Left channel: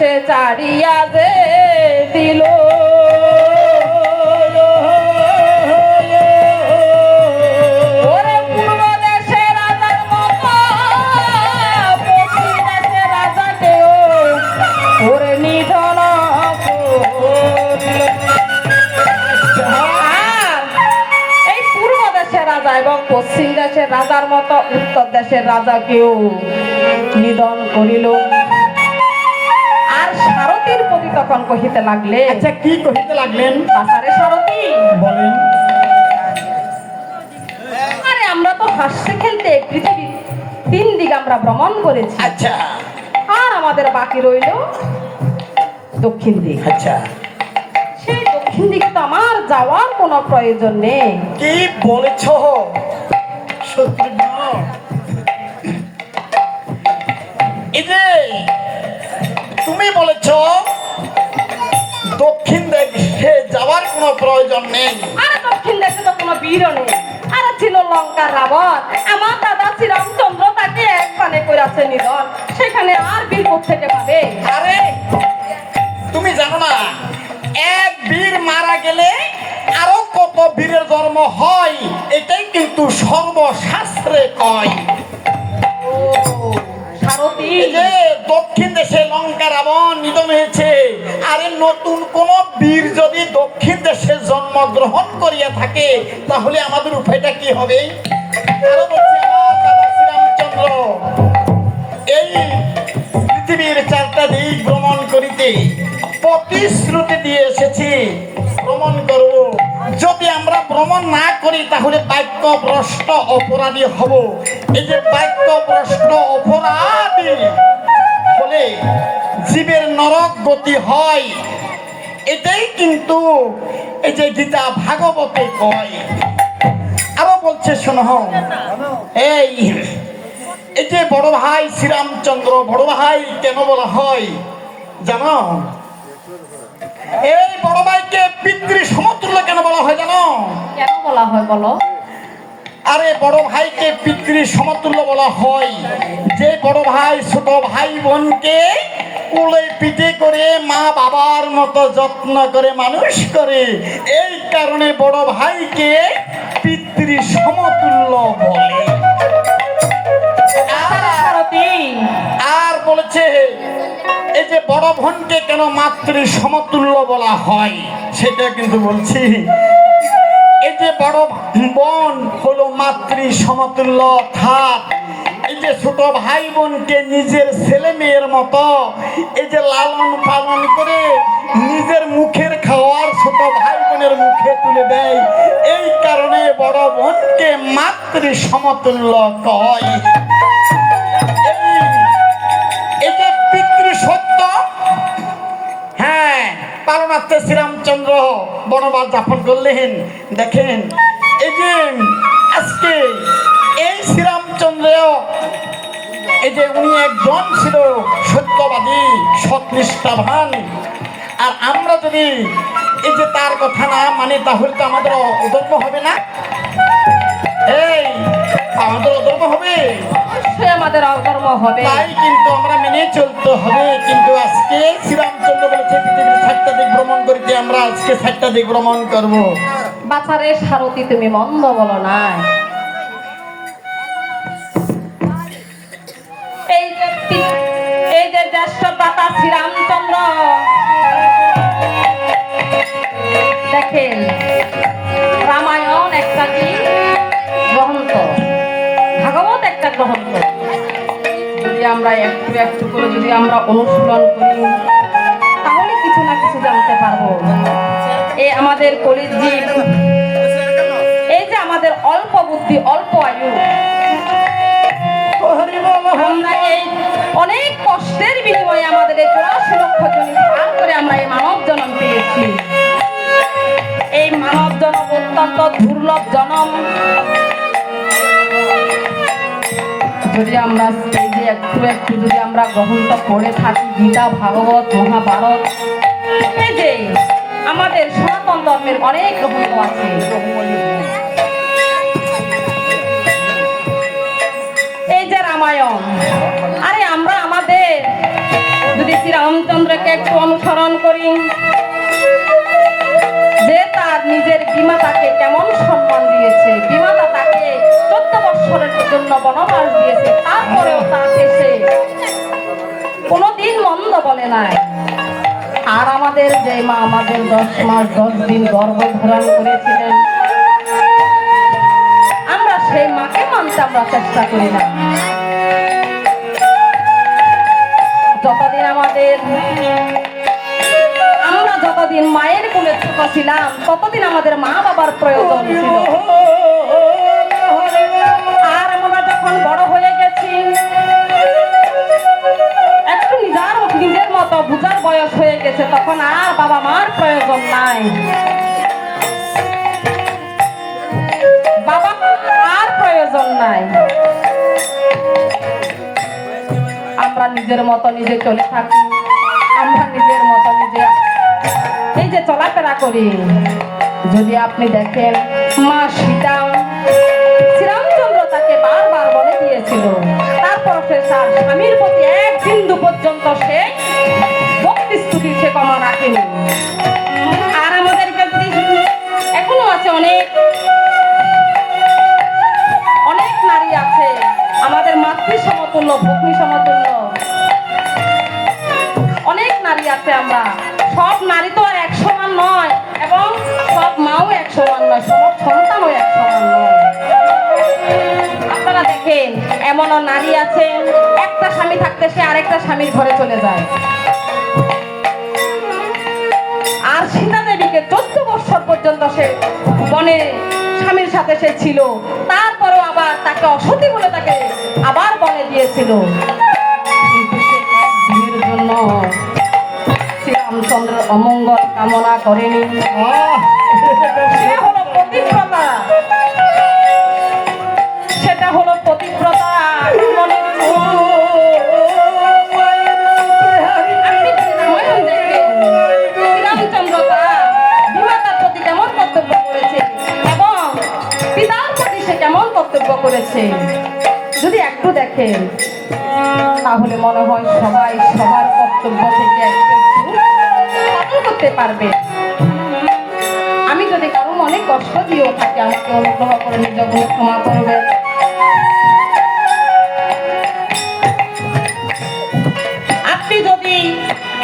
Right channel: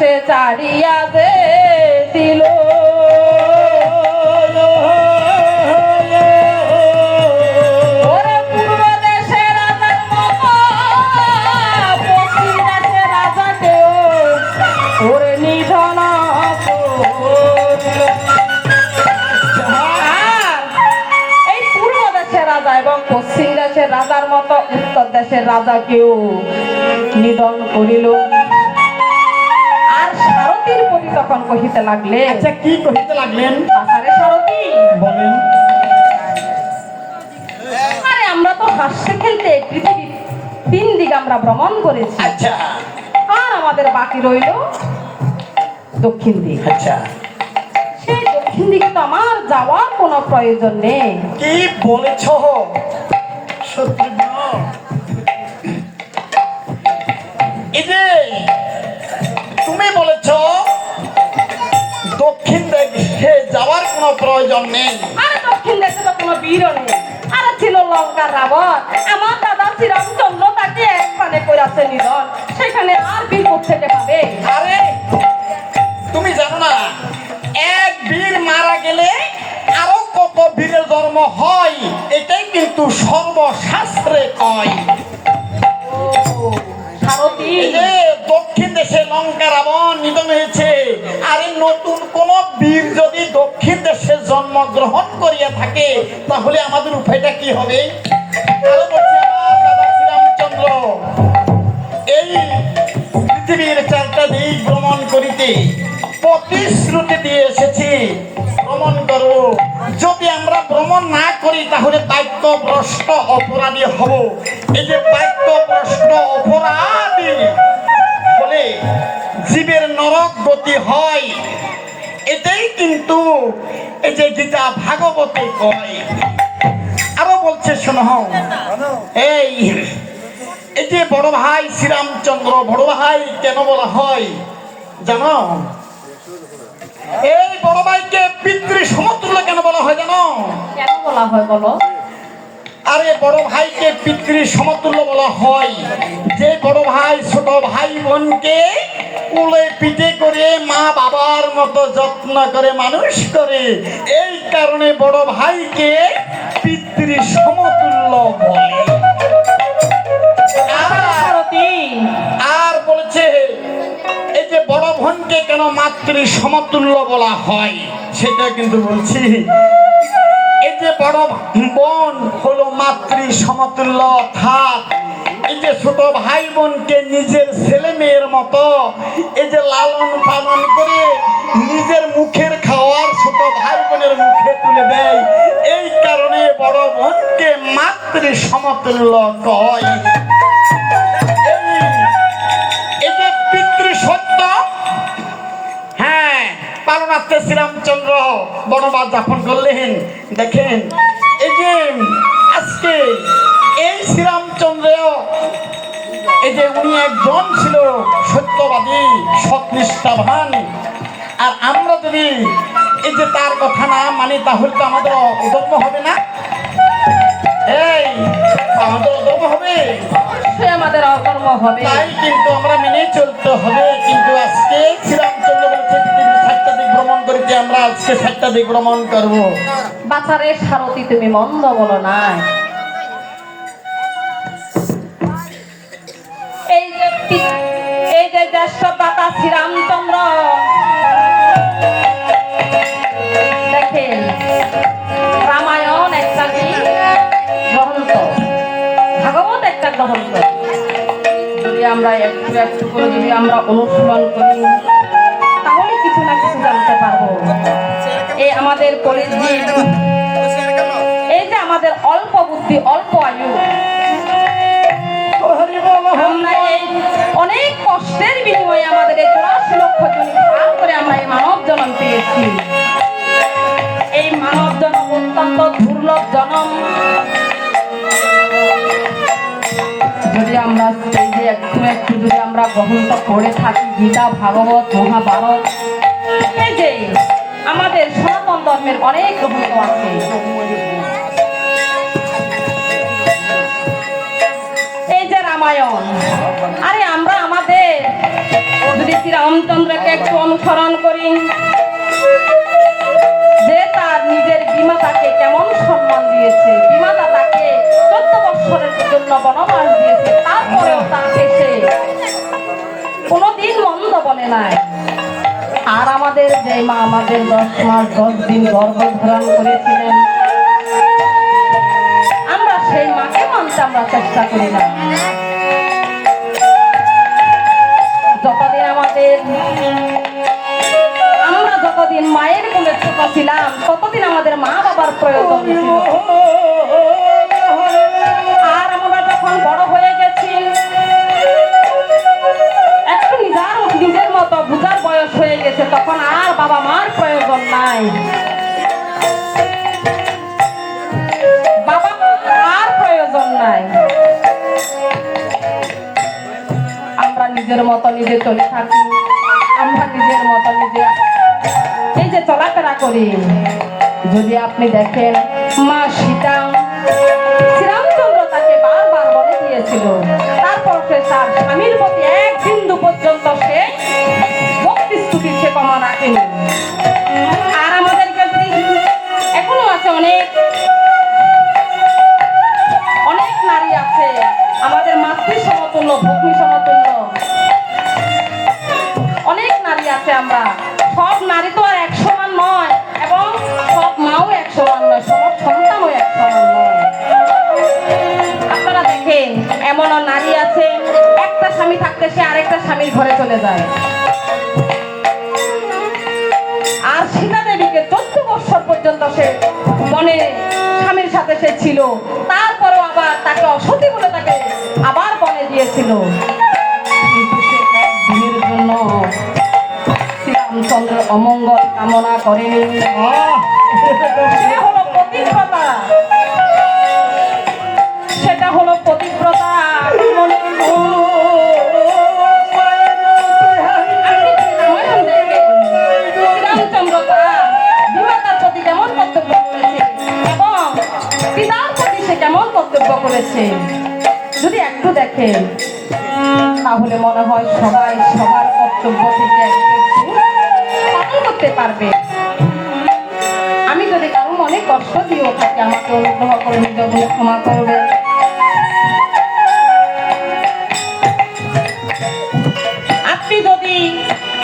দেশে চাড়িয়া যে দিল ওরে পূর্ব দেশে রাজার মতো পশ্চিম দেশে রাজাকেও ওরে নিধন এই পূর্ব দেশের রাজা এবং পশ্চিম দেশের রাজার মতো উত্তর দেশের রাজাকেও নিধন করিল। আর সারথীর প্রতি তখন কহিতে লাগলেন, আচ্ছা কি কহিতে লাগলেন? বাছারে সারথী, বলেন। আরে আমরা তো হাসতে খেলতে পৃথিবীর 3 দিক আমরা ভ্রমণ করেছি। আচ্ছা। আর আমাদের বাকি রইল দক্ষিণ দিক। আচ্ছা। সেই দক্ষিণ দিকে তো আমার যাওয়ার কোনো প্রয়োজন নেই। কি বলেছ? সত্যি না? এই যে তুমি বলেছ দক্ষিণ দেশে যাওয়ার কোনো প্রয়োজন নেই। আরে দক্ষিণ দেশে তো কোনো বীর নেই। আরে ছিল লঙ্কার রাবণ, আমার দাদা শ্রীরামচন্দ্র তাকে একখানে করেছে নিধন, সেখানে আর বীর কোত্থেকে পাবে? আরে তুমি জানো না এক বীর মারা গেলে আরো কত বীরের জন্ম হয়, এটাই কিন্তু সর্বশাস্ত্রে কয়। সারথী, এই যে দক্ষিণ দেশে লঙ্কা রাবণ নিধন হয়েছে, আরে নতুন কোন বীর যদি দক্ষিণ দেশে জন্মগ্রহণ করিয়া থাকে তাহলে আমাদের উপায়টা কি হবে? আরো বলছে আমার দাদা শ্রীরামচন্দ্র এই পৃথিবীর 4টা দিক ভ্রমণ করিতে প্রতিশ্রুতি দিয়ে এসেছি, ভ্রমণ করব। যদি আমরা ভ্রমণ না করি তাহলে বাক্যভ্রষ্ট অপরাধী হব। এই যে বাক্যভ্রষ্ট অপরাধী বলে জীবের নরক গতি হয়, এটাই কিন্তু এই যে গীতা ভাগবতে কয়। আরো বলছে শোনো, এই এই যে বড় ভাই শ্রীরামচন্দ্র, বড় ভাই কেন বলা হয় জানো? এই বড় ভাইকে পিতৃ সমতুল্য কেন বলা হয় জানো? কেন বলা হয় বলো? আরে বড় ভাইকে পিতৃ সমতুল্য বলা হয় যে বড় ভাই ছোট ভাই বোনকে কোলে পিঠে করে মা বাবার মতো যত্ন করে মানুষ করে, এই কারণে বড় ভাইকে পিতৃ সমতুল্য বলে। আর বলছে এই যে বড় বোনকে কেন মাতৃ সমতুল্য বলা হয় সেটা কিন্তু বলছি। এই যে বড় বোন হলো মাতৃ সমতুল্য, অর্থাৎ এই যে ছোট ভাই বোনকে নিজের ছেলে মেয়ের মতো এই যে লালন পালন করে নিজের মুখের খাওয়ার ছোট ভাই বোনের মুখে তুলে দেয়, এই কারণে বড় বোনকে মাতৃ সমতুল্য কয়। এই যে পিতৃ সত্য, হ্যাঁ, পালনার্থে শ্রীরামচন্দ্র বনবাস যাপন করলেন। দেখেন এই যে আজকে এই শ্রীরামচন্দ্র এই যে উনি একজন ছিল সত্যবাদী, সৎনিষ্ঠাবান। আর আমরা যদি এই যে তার কথা না মানি তাহলে তো আমাদের অধর্ম হবে না? এই আমাদের অধর্ম হবে, অবশ্যই আমাদের অধর্ম হবে। তাই কিন্তু আমরা মেনে চলতে হবে। কিন্তু আজকে শ্রীরামচন্দ্র বলছে পৃথিবীর 7টা দিক ভ্রমণ করিতে, আমরা আজকে 7টা দিক ভ্রমণ করবো। বাছারে সারথী, তুমি মন্দ বলো না। এই যে জ্যেষ্ঠ দাতা শ্রীরামচন্দ্র, দেখেন রামায়ণ একটা কি গ্রন্থ, ভাগবত একটা গ্রন্থ। যদি আমরা একটু একটু করে যদি আমরা অনুশীলন করি তাহলে কিছু না কিছু জানতে পারবো। এই আমাদের কলিযুগ, এই যে আমাদের অল্প বুদ্ধি, অল্প আয়ু, আমরা এই অনেক কষ্টের বিনিময়ে আমাদের এই 84 লক্ষ জনম পার করে আমরা এই মানব জন্ম পেয়েছি। এই মানব জন্ম অত্যন্ত দুর্লভ জন্ম। যদি আমরা এই যে একটু একটু যদি আমরা গ্রহণ করে থাকি গীতা, ভাগবত, মহাভারত, এই যে আমাদের সনাতন ধর্মের অনেক গ্রন্থ আছে। এই যে রামায়ণ, আরে আমরা আমাদের যদি শ্রীরামচন্দ্রকে একটু অনুসরণ করি, যে তার নিজের বিমাতাকে কেমন সম্মান দিয়েছে, বিমাতা তাকে 14 বৎসরের জন্য বনবাস দিয়েছে, তারপরেও তাকে সে কোনোদিন মন্দ বলে নাই। আর আমাদের যে মা আমাদের 10 মাস 10 দিন গর্ভধারণ করেছিলেন, আমরা সেই মাকে মানতে আমরা চেষ্টা করি না। যতদিন আমরা যতদিন মায়ের কোলে ছোট ছিলাম, ততদিন আমাদের মা বাবার প্রয়োজন ছিল। আর আমরা যখন বড় হয়ে গেছি, একটু নিজের মতো বুঝার বয়স হয়ে গেছে, তখন আর বাবা মার প্রয়োজন নাই, বাবা মার আর প্রয়োজন নাই। আমরা নিজের মতো নিজে চলে থাকি, আমরা নিজের মতো নিজে এই যে চলাফেরা করি। যদি আপনি দেখেন মা সীতা, শ্রীরামচন্দ্র তাকে বারবার বলে দিয়েছিল, তারপর সে তার স্বামীর প্রতি এক বিন্দু পর্যন্ত সে ভক্তি স্তুতি সে কমা রাখেনি। আর আমাদেরকে এখনো আছে অনেক অনেক নারী আছে আমাদের মাতৃ সমতুল্য, ভগ্নী সমতুল্য অনেক নারী আছে। আমরা সব নারী তো আর 1 সমান নয়, এবং সব মাও 1 সমান নয়, সব সন্তানও 1 সমান নয়। আপনারা দেখেন এমনও নারী আছে, একটা স্বামী থাকতে সে আরেকটা স্বামীর ঘরে চলে যায়। আর সীতা দেবীকে 14 বৎসর পর্যন্ত সে বনে স্বামীর সাথে সে ছিল, তারপরও আবার তাকে অসতী বলে তাকে আবার বনে দিয়েছিল। দিনের জন্য শ্রীরামচন্দ্র অমঙ্গল কামনা করেনি। সে হলো পতিব্রতা, সেটা হলো পতিব্রতা। শ্রীরামচন্দ্র তার বিমাতার প্রতি কেমন কর্তব্য করেছে এবং পিতার প্রতি সে কেমন কর্তব্য করেছে, যদি একটু দেখেন তাহলে মনে হয় সবাই সবার কর্তব্য থেকে একটু পালন করতে পারবে। আমি যদি কারো মনে কষ্ট দিয়েও থাকি, আমাকে অনুগ্রহ করে নিজের ভুল ক্ষমা করবে। আপনি যদি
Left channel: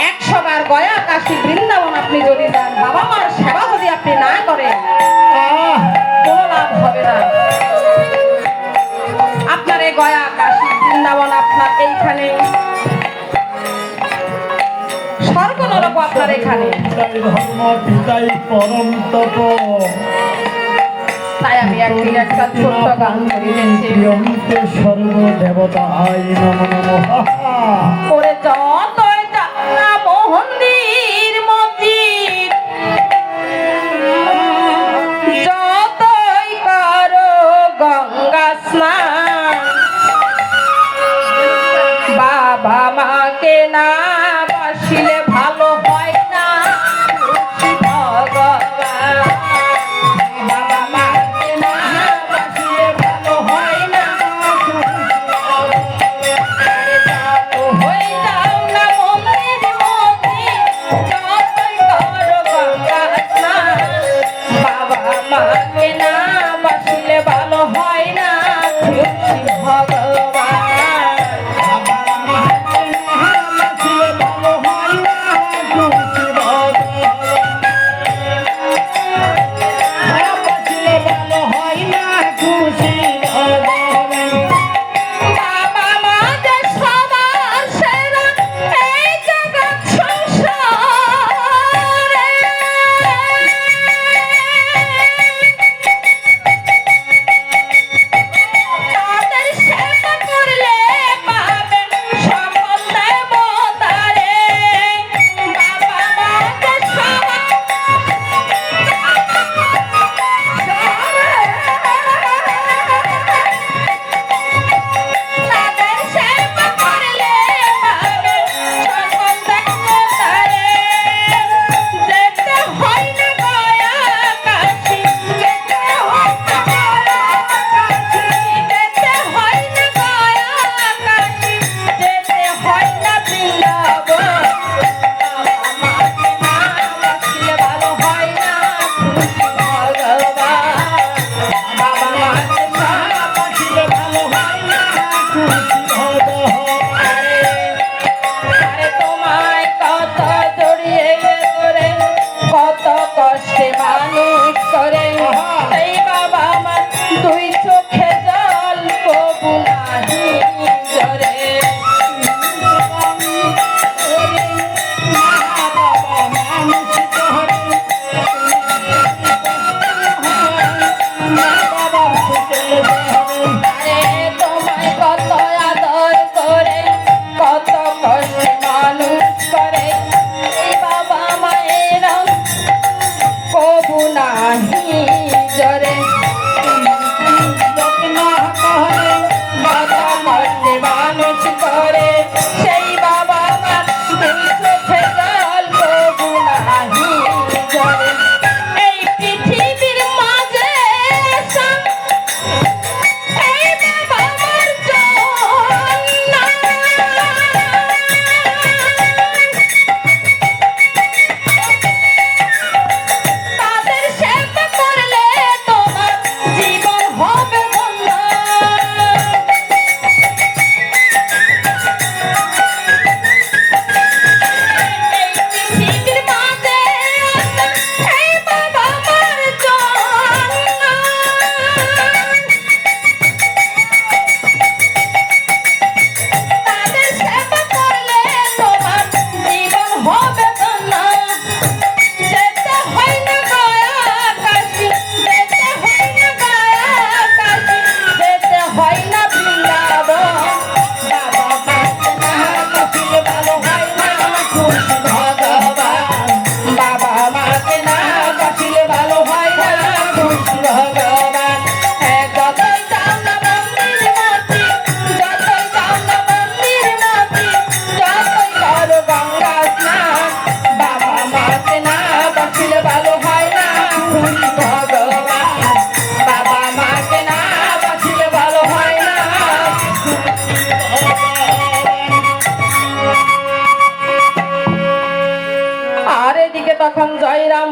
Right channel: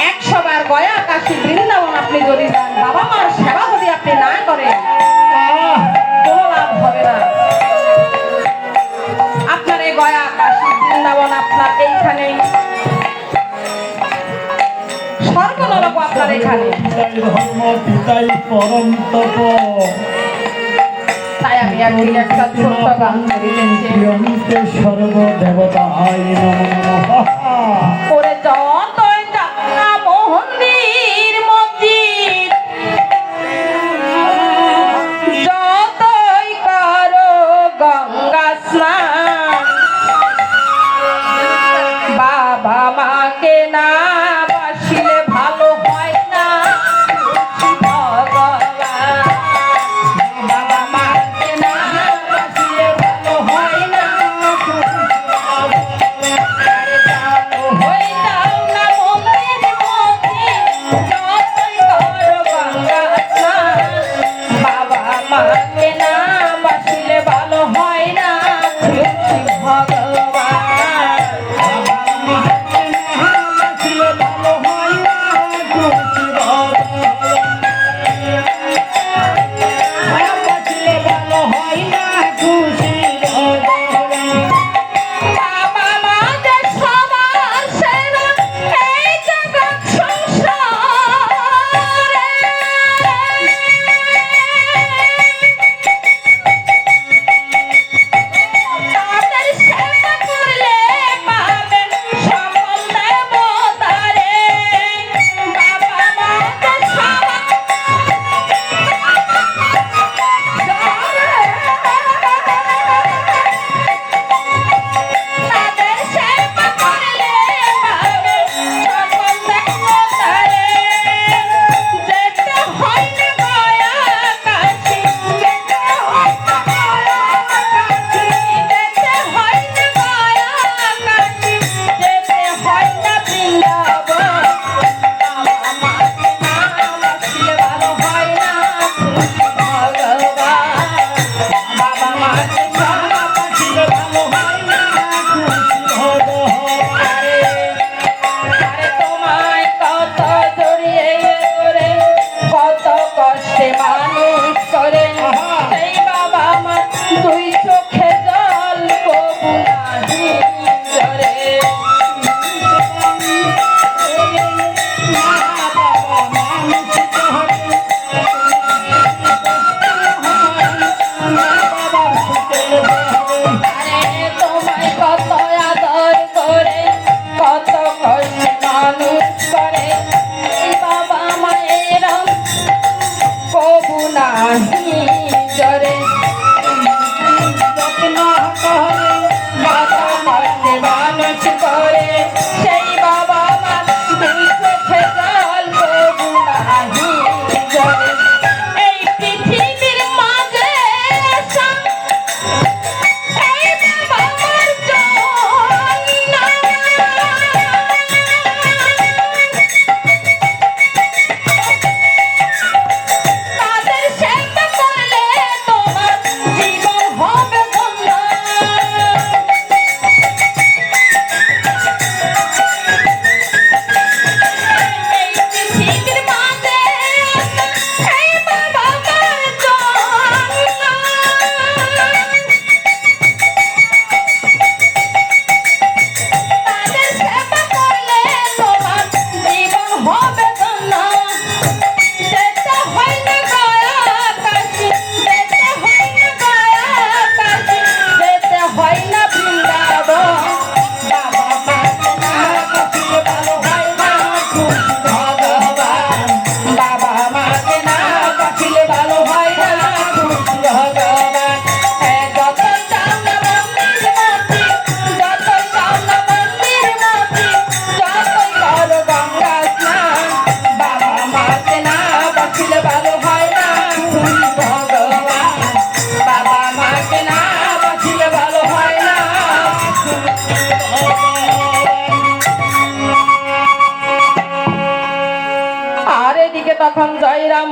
100 বার গয়া কাশী বৃন্দাবন আপনি যদি যান, বাবা মার সেবা যদি আপনি না করেন, কোনো লাভ হবে না। আপনার এই গয়া কাশী বৃন্দাবন আপনার এইখানে, স্বর্গ নরক আপনার এখানে। তাই আমি একদিন একটা ছোট্ট গান করিয়েছি, সর্বদেবতা করে যতই যাত্রা মন্দির মসজিদ, যতই করো গঙ্গা স্নান, বাবা মাকে না বাসিলে ভালো হয় না ভগবান। বাবা মাকে না বাসিলে ভালো হয় না।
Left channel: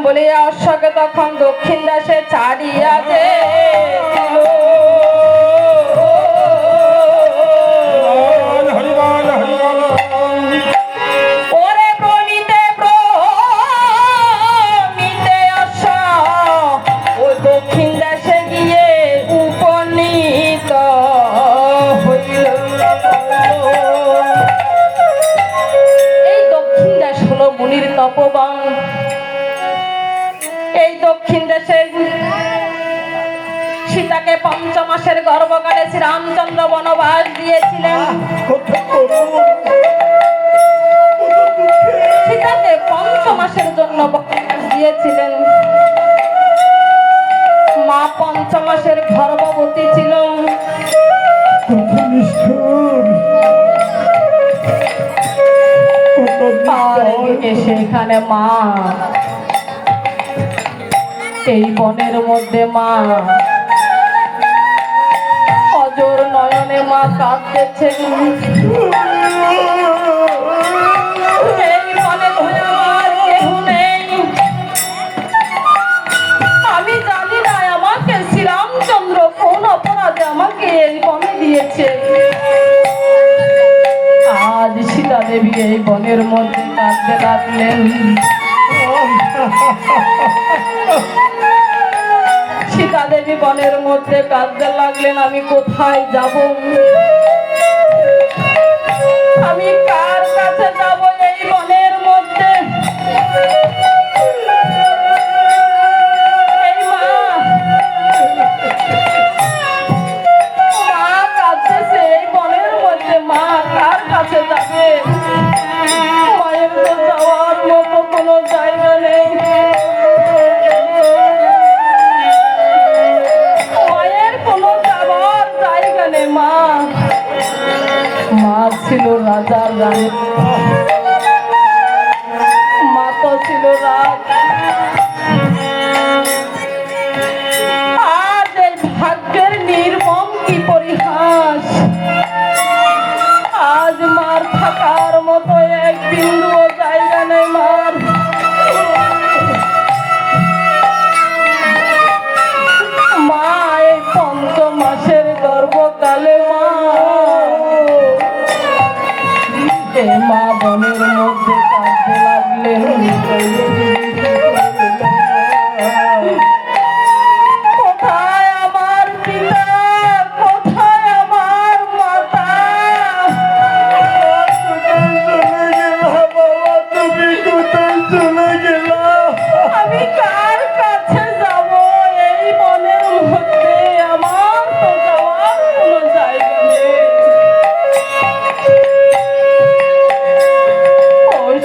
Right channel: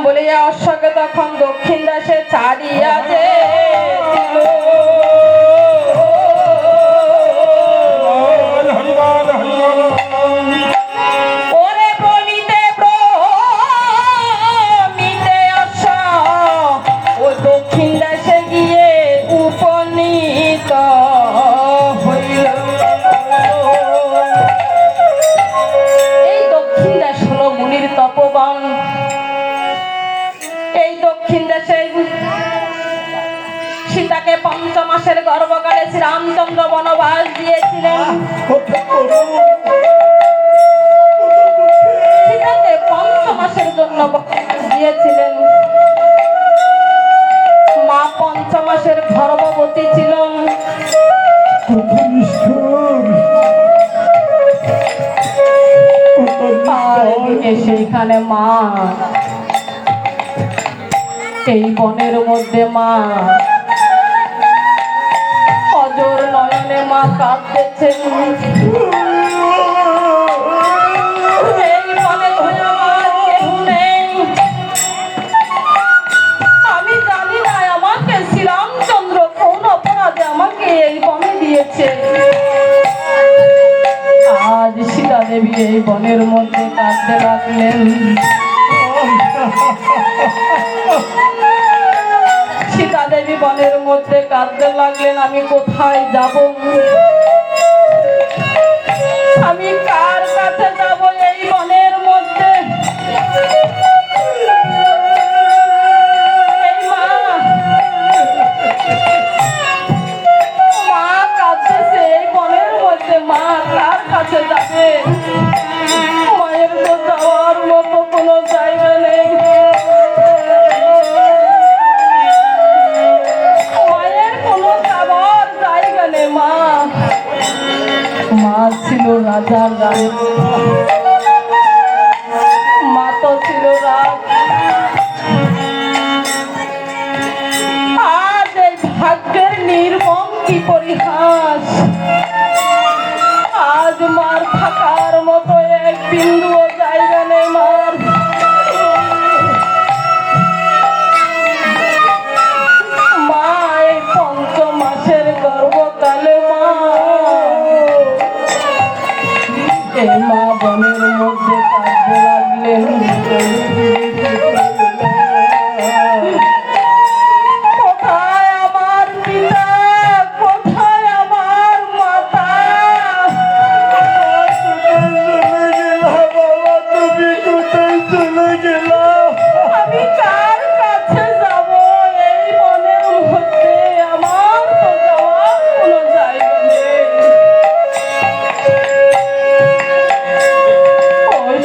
বলিয়া অশ্বকে তখন দক্ষিণ দেশে ছাড়িয়াছে ওরে প্রণীতে প্রণীতে অশ্ব ও দক্ষিণ দেশে গিয়ে উপনীত হইল। এই দক্ষিণ দেশ হলো মুনির তপবন। এই দক্ষিণ দেশে সীতাকে ৫ মাসের গর্ভকালে শ্রীরামচন্দ্র বনবাস দিয়েছিলেন। সীতাকে ৫ মাসের জন্য বনবাস দিয়েছিলেন। মা ৫ মাসের গর্ভবতী ছিল। আর এদিকে সেখানে মা এই বনের মধ্যে মা অজর নয়নে মা কাঁদতেছেন। এই বনে ধরে আমার কেহ নেই। আমি জানি না আমাকে শ্রীরামচন্দ্র কোন অপরাধে আমাকে এই বনে দিয়েছে। আজ সীতা দেবী এই বনের মধ্যে কাঁদতে লাগলেন। সীতা দেবী বনের মধ্যে কাঁদতে লাগলেন, আমি কোথায় যাব? আমি কার কাছে যাব এই বনের মধ্যে? এই মা কাঁদতেছে এই বনের মধ্যে। মা কার কাছে যাবে? মায়ের তো যাওয়ার মতো কোনো জায়গা নেই। মা ছিল রাজার রানী, মা তো ছিল রাজ। আজ এই ভাগ্যের নির্মম কি পরিহাস। আজ মার থাকার মতো এক বিন্দু জায়গা নেই মার। মা এই ৫ মাসের গর্ভকালে মা বনের মধ্যে কাঁদতে লাগলেন। কোথায় আমার পিতা? কোথায় আমার মাতা? আমি কার কাছে যাব এই বনের মধ্যে? আমার তো যাওয়ার কোনো জায়গা নেই।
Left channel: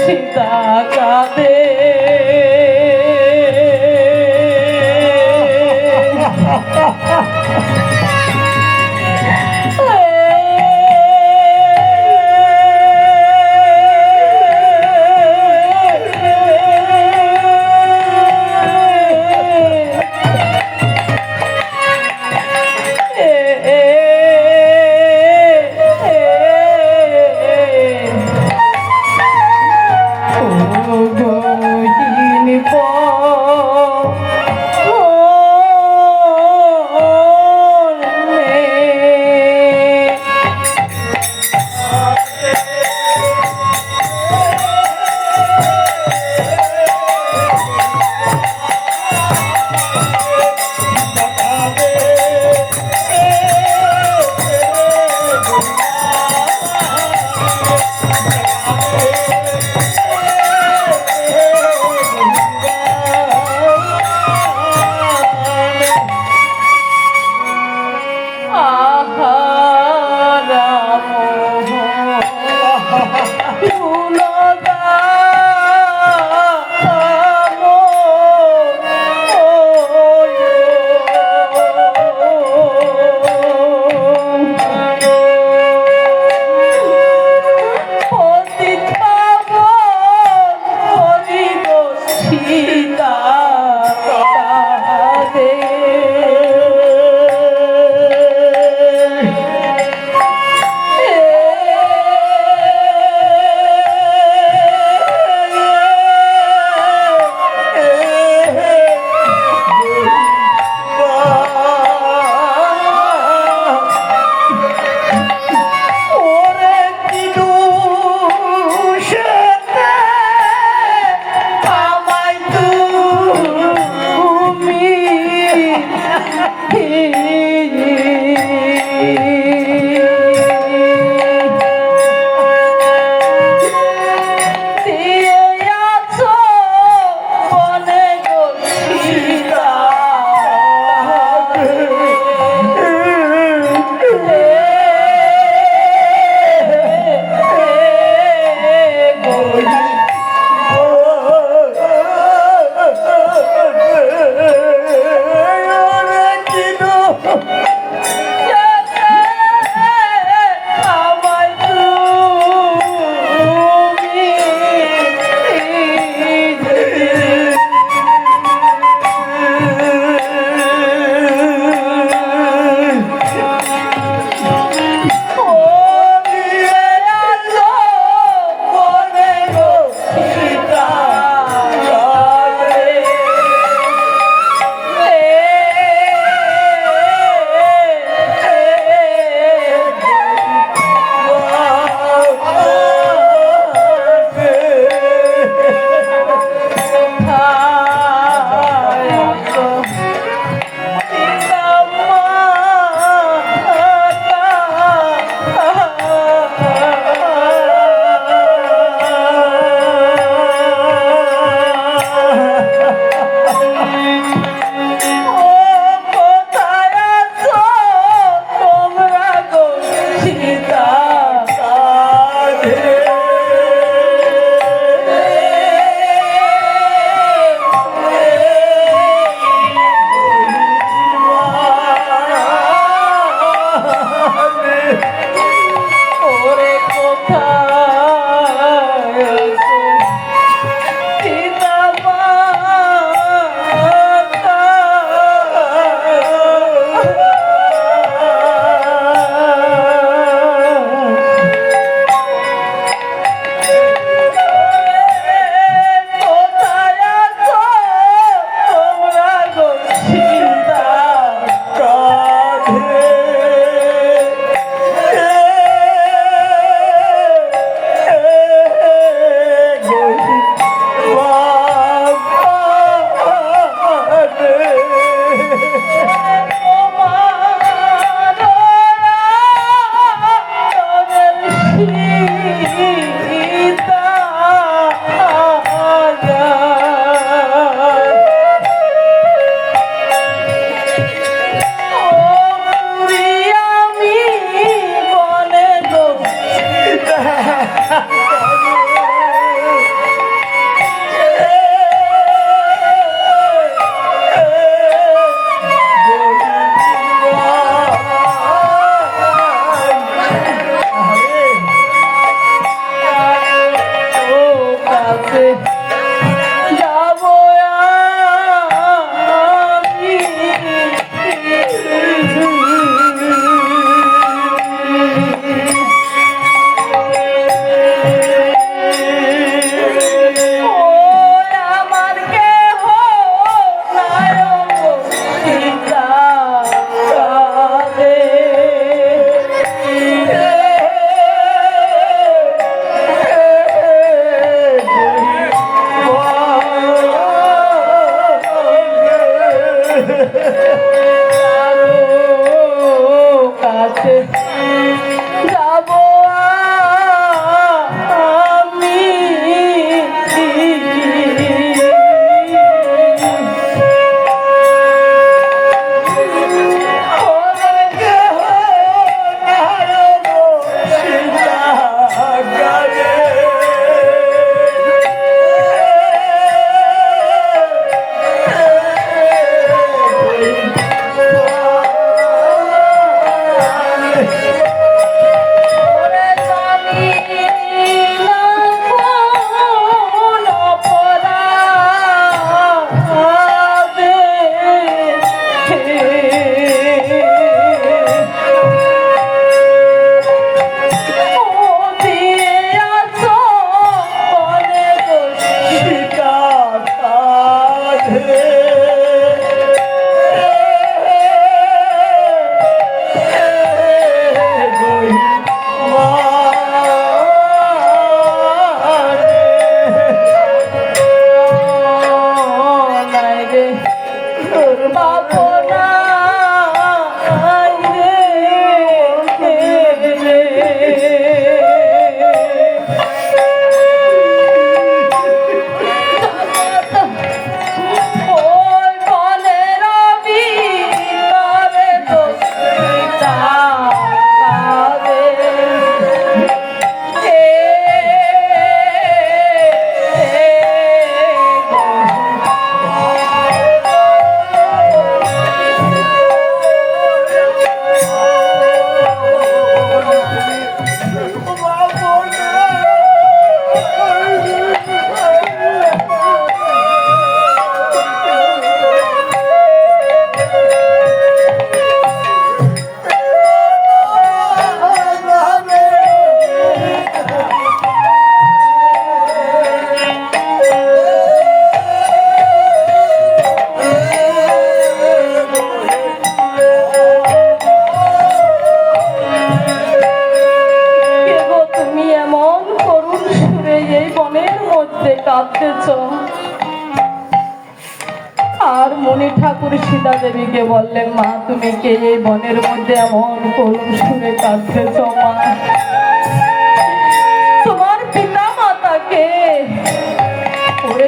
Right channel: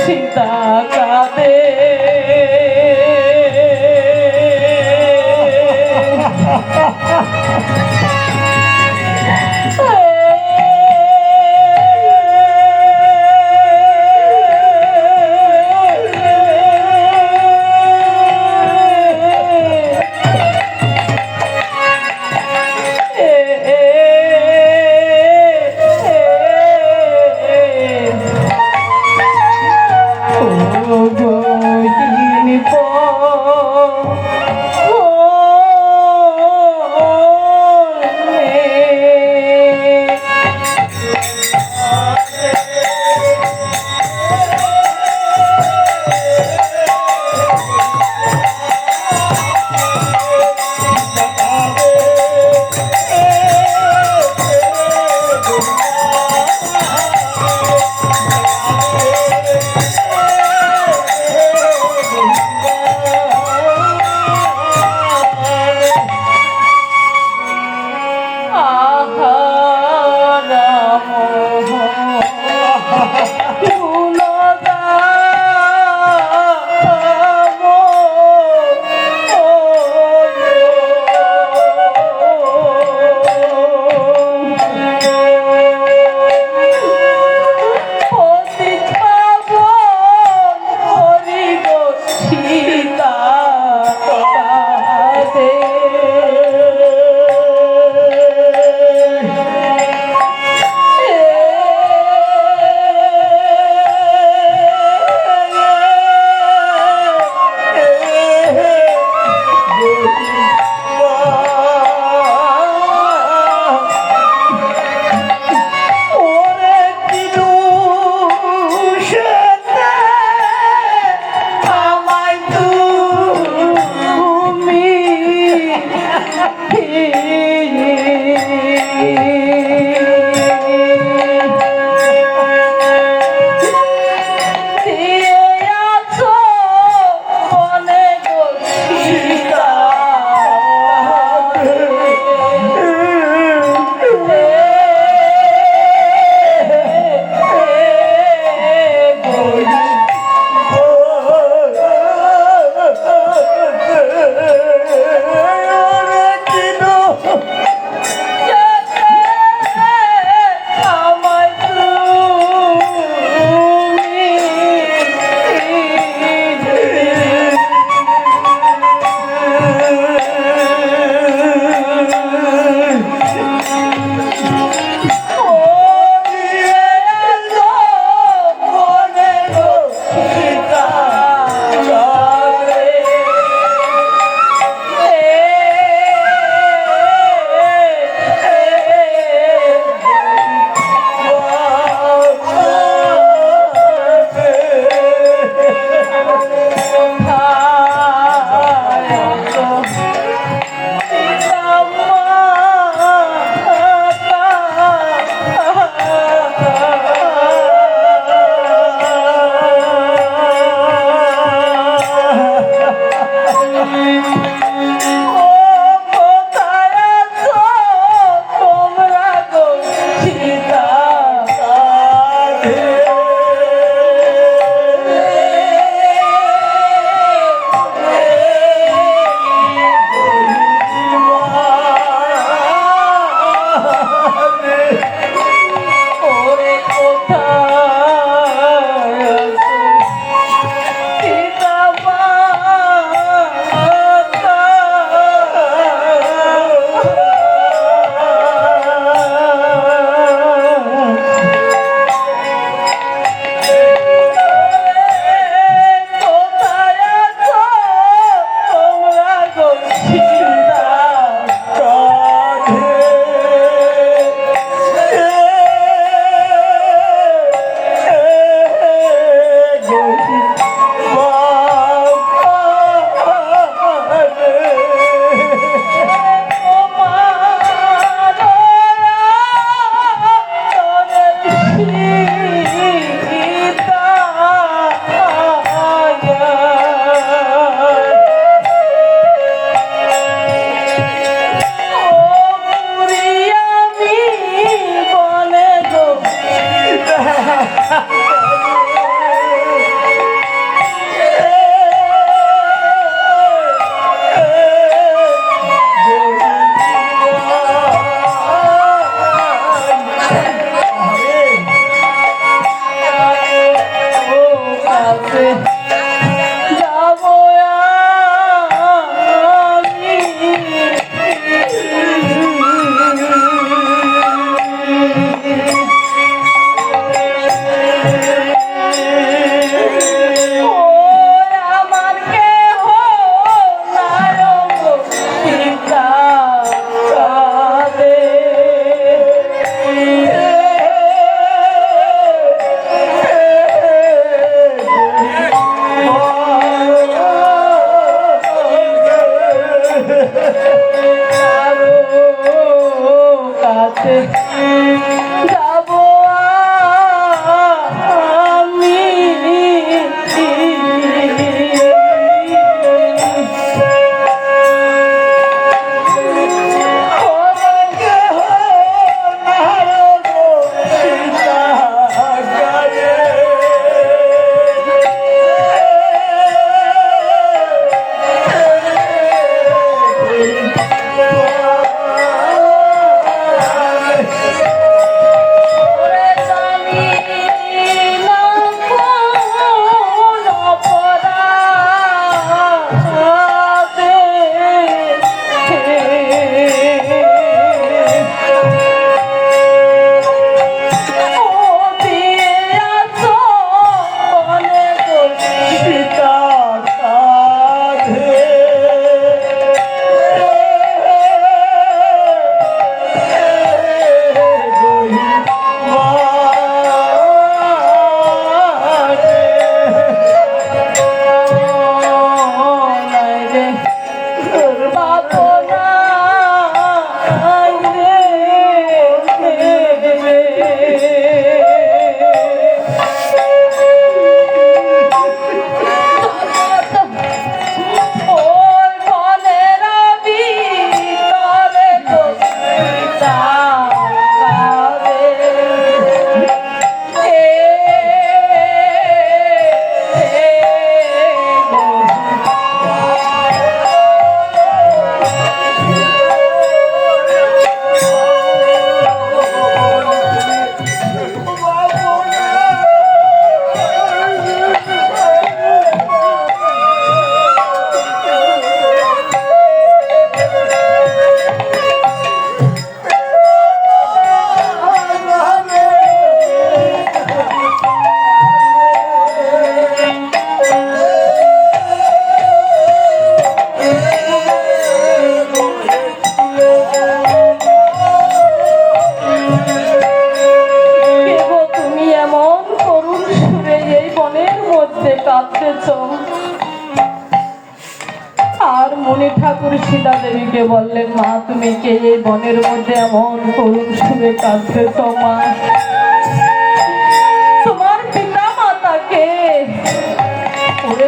সীতা কাঁদে যাবো আমার কেহ নায়ক চিন্তা কাছে যাব আমি আর মণি ঠাকুর সীতা দেবীকে বললেন, মা তুমি কে এই বনের মধ্যে এমন করুণ সুরে কাঁদতেছ? মা তোমার পিতা মাতাকে ওরে